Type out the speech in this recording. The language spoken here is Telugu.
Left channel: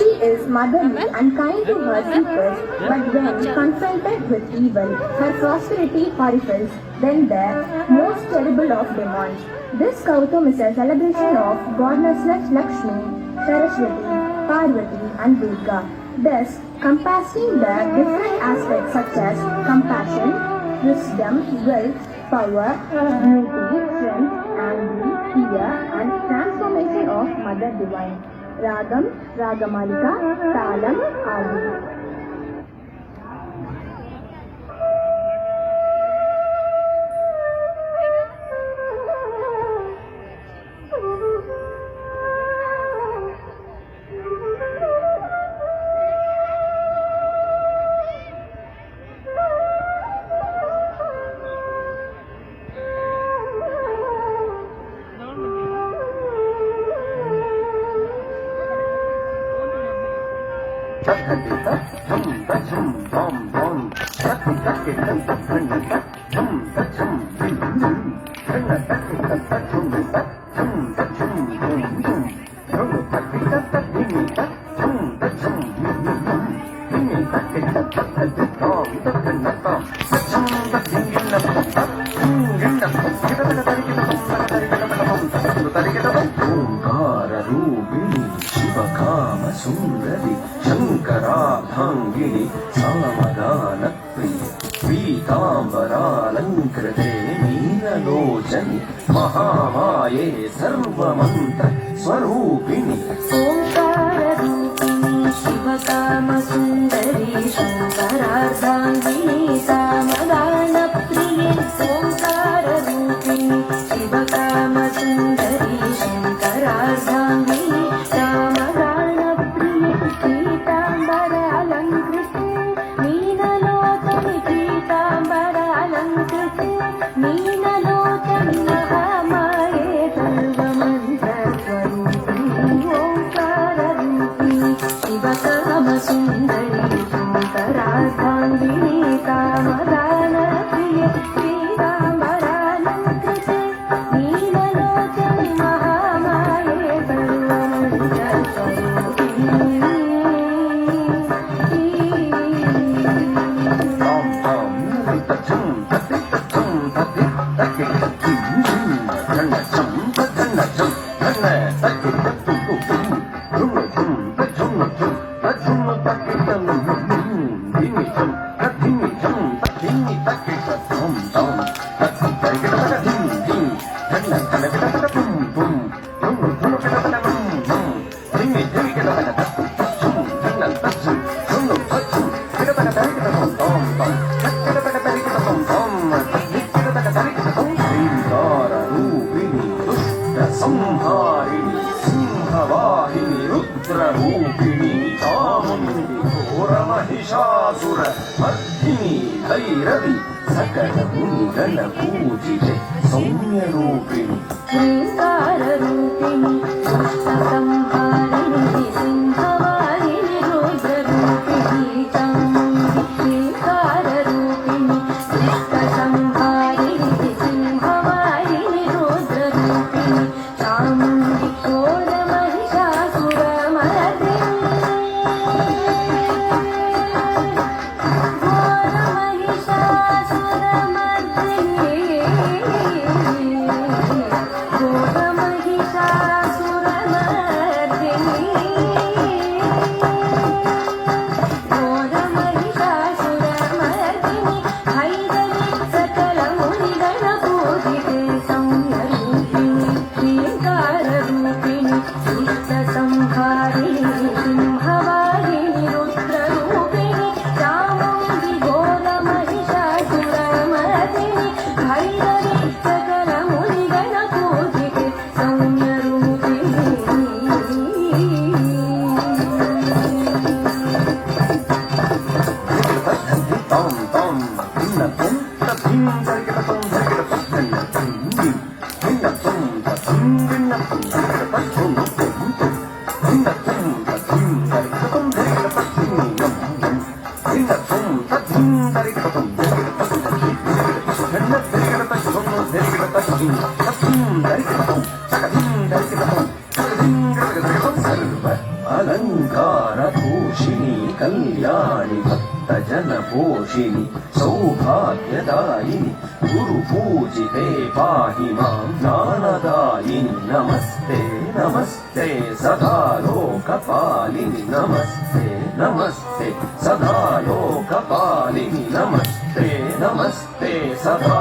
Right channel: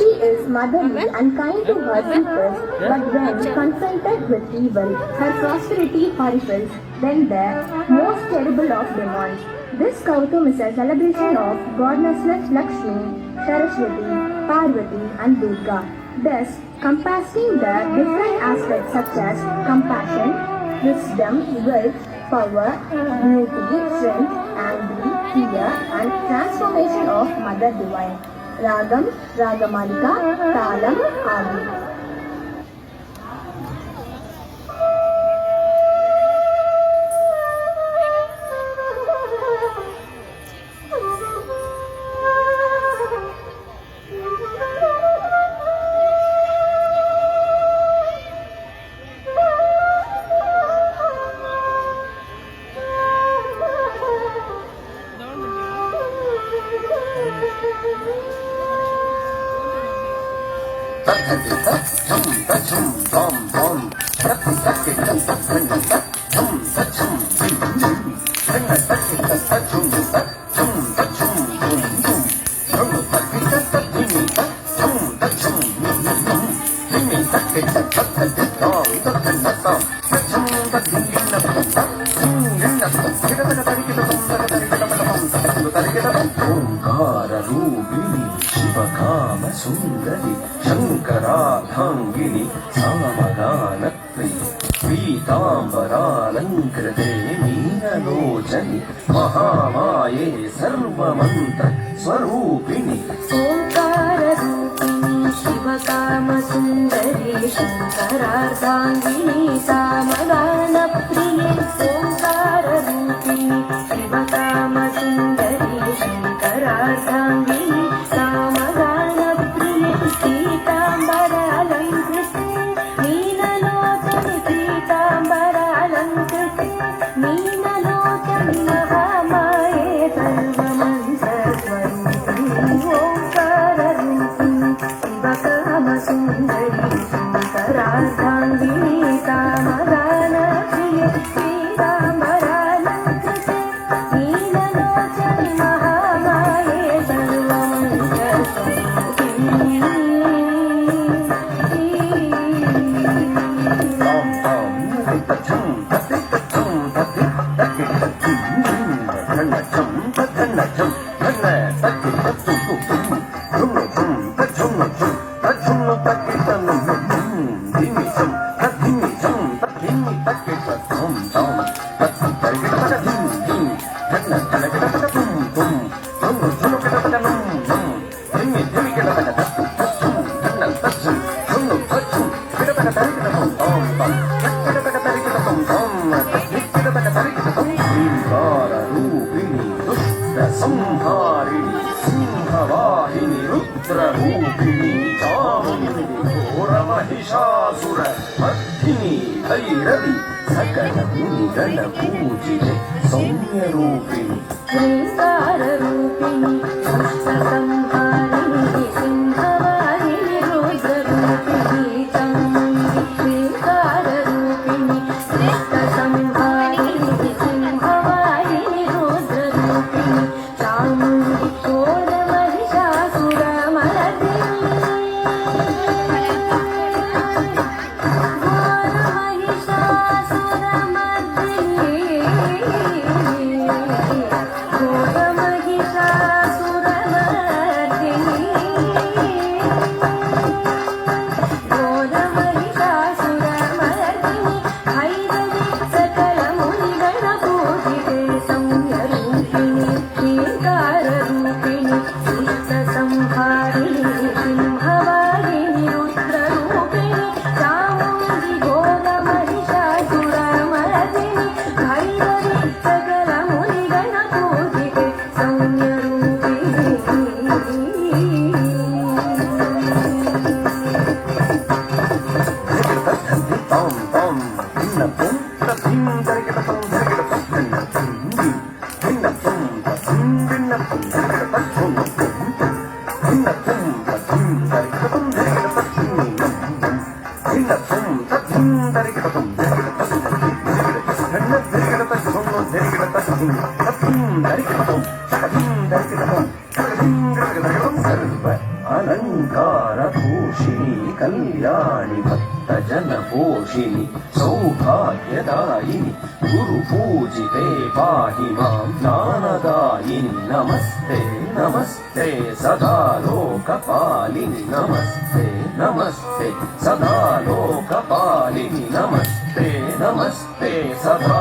She is motherly and kind to her sisters, but when confronted with evil, her prosperity horrifies them the most terrible of demons. This Kautam is a celebration of goddesses Lakshmi, Saraswati, Parvati and Durga, thus compassing the different aspects such as compassion, wisdom, wealth, power, beauty, strength, anger, fear and transformation of Mother Divine. Ragam, Ragamalika, Talam, Adi. ఓంకారూపిణి శివకామ సుందరి శంకరార్థాంగిని సామగాన ప్రియ పీతాంబరాలంకృతే మీనలోచని మహామాయే సర్వమంత్ర స్వరూపిణి ఓంకారూపిణి శివకామ సుందరి శంకరార్థాంగిని సామగాన ప్రియ ఓంకారూపిణి శివకామ సుందరి శంకరార్థాంగిని సామగాన ప్రియ పీతాంబరాలంకృతే మీనలోచని పీతాంబరాలంకృతే మీనలోచని మహామాయే సర్వమంత్ర స్వరూపిణి ఓంకారూపిణి శివకామ సుందరి శంకరార్థాంగిని సామగాన ప్రియ పీతాంబరాలంకృతే మీనలోచని మహామాయే సర్వమంత్ర స్వరూపిణి సంహారిణి సింహవాహిని రుద్రరూపిణి చాముండి ఘోరమహిషాసుర మర్దిని భైరవి సకల మునిగణ పూజితే సౌమ్యరూపిణి శ్రీకారరూపిణి అష్టసంహారిణి సింహవాహిని రుద్రరూపిణి చాముండి శ్రీకారరూపిణి అష్టసంహారిణి సింహవాహిని రుద్రరూపిణి చాముండి शृङ्गारतोषिणि कल्याणि भक्तजनपोषिणि सौभाग्यदायिनि गुरुपूजिते पाहि मां ज्ञानदायिनि नमस्ते नमस्ते सदा लोकपालिनि नमस्ते नमस्ते सदा लोकपालिनि नमस्ते नमस्ते सदा